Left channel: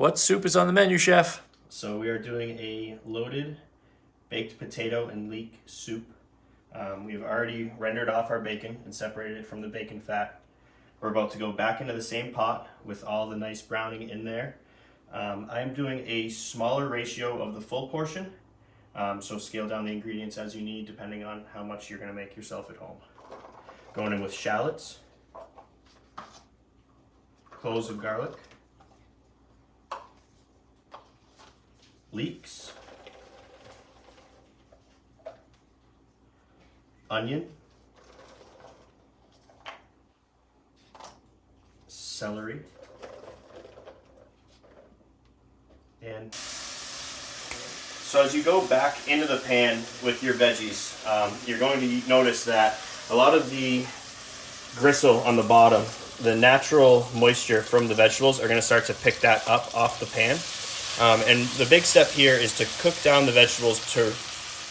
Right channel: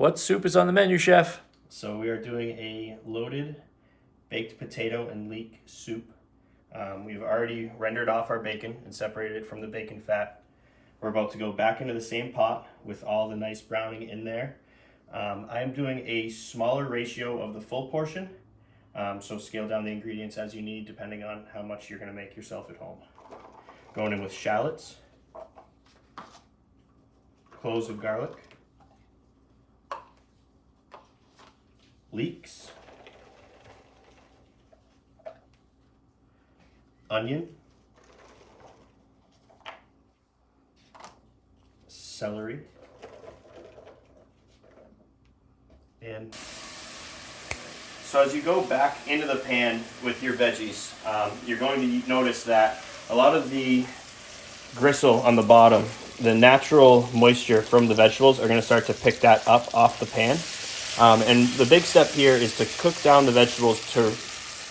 What soup is on the menu, chef? So we are doing a loaded baked potato and leek soup. We've already rendered off our bacon and separated it from the bacon fat. We're about to go back into the same pot with all the nice browning in there. I am doing a smaller ratio of the full portion, so scale down the ingredients as you need depending on how much you're going to make yourself at home. Going in with shallots, cloves of garlic, leeks, onion, celery, and so as you go back into the pan with your veggies, you're going to notice that a lot of the gristle on the bottom, the natural moisture from the vegetables are going to start to pick that up off the pan. And the big step here is to cook down the vegetables to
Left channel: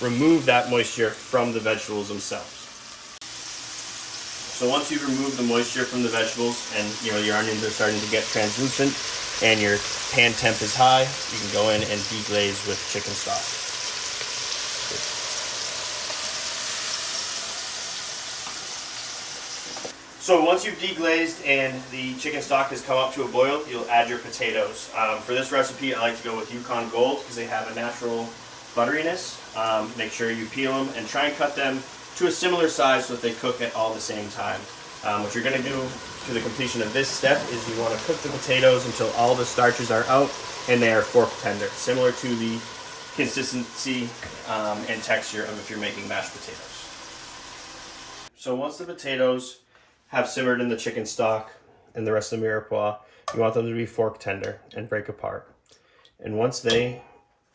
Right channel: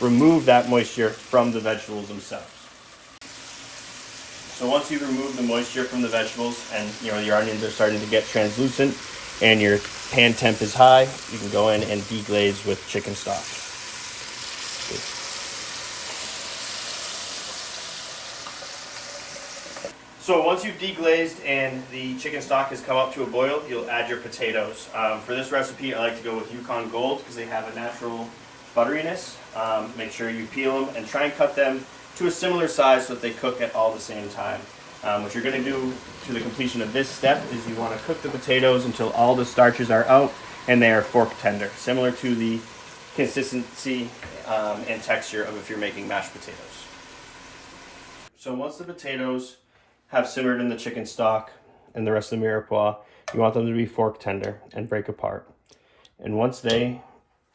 remove that moisture from the vegetables themselves. So once you've removed the moisture from the vegetables and your onions are starting to get translucent and your pan temp is high, you can go in and deglaze with chicken stock. So once you've deglazed and the chicken stock has come up to a boil, you'll add your potatoes. For this recipe, I like to go with Yukon Gold because they have a natural butteriness. Make sure you peel them and try and cut them to a similar size so that they cook at all the same time. What you're going to do to the completion of this step is you want to cook the potatoes until all the starches are out and they are fork tender, similar to the consistency and texture of if you're making mashed potatoes. So once the potatoes have simmered in the chicken stock and the rest of the mirepoix, you want them to be fork tender and break apart. And once they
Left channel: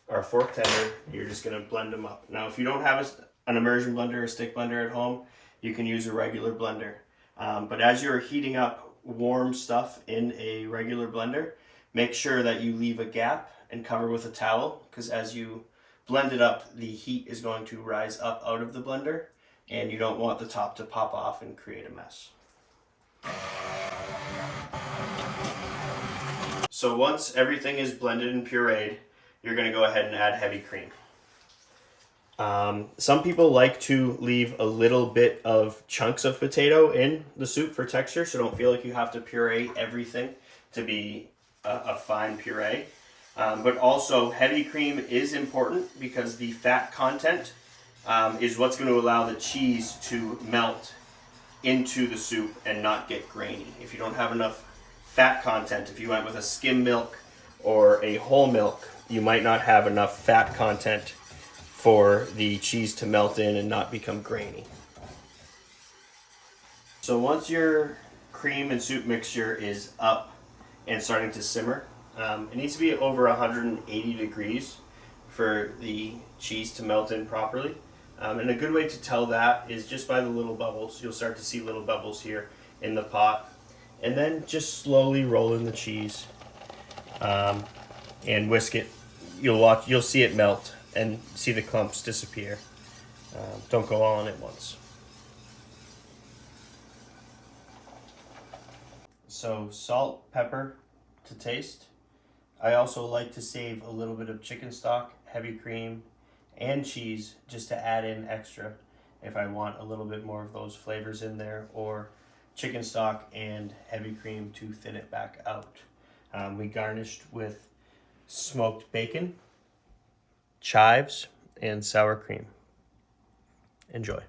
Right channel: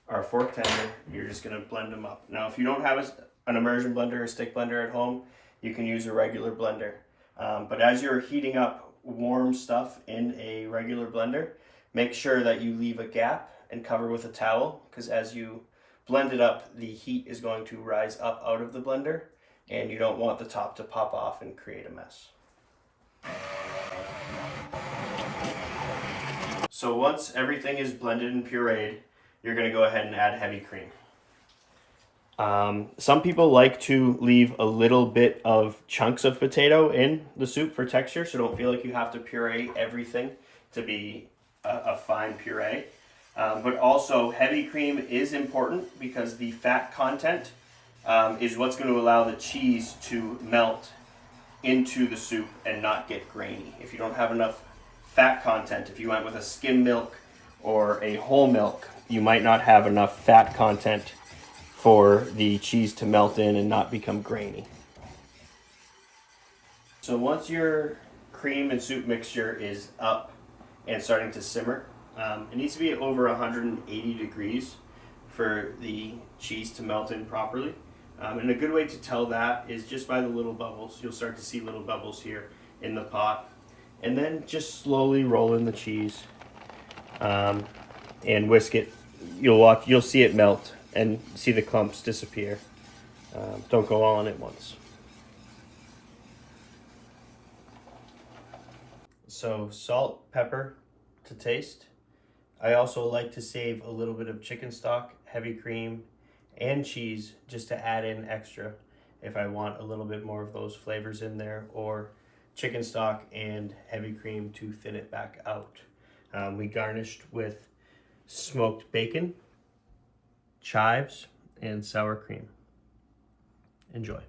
are fork tender, you're just going to blend them up. Now, if you don't have an immersion blender or stick blender at home, you can use a regular blender. But as you're heating up warm stuff in a regular blender, make sure that you leave a gap and cover with a towel, because as you blend it up, the heat is going to rise up out of the blender, and you don't want the top to pop off and create a mess. So once everything is blended and pureed, you're going to go ahead and add heavy cream. Some people like to leave a little bit of chunks of potato in the soup for texture, so don't feel like you have to puree everything to be a fine puree. But also heavy cream is important because the fat content is what's going to allow the cheese to melt into the soup and not get grainy. If you don't have enough fat content, if you went with a skim milk or a whole milk, you might not have enough fat content for the cheese to melt in and not become grainy. So once your cream and soup mixture is up and starting to simmer, it needs to be over 180 degrees for the cheese to melt in properly. And a good way to tell that is just by the little bubbles. You'll start to see little bubbles here in the pot. And then just slowly roll in the cheese and whisk it. You'll see it melt and see the clumps disappear. Don't go all in at once. So salt, pepper to taste. I also like to save a little bit of chicken stock, heavy cream, and cheese just to add in extra if I want a little bit more of those flavors in there, or chicken stock and heavy cream to thin it back out. We garnished with smoked bacon, chives, and sour cream. Enjoy.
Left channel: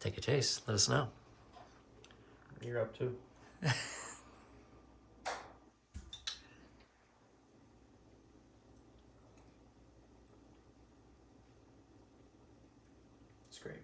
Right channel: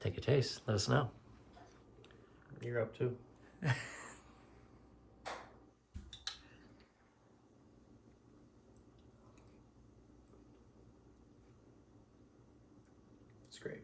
Take a taste. Let us know. You're up too. It's great.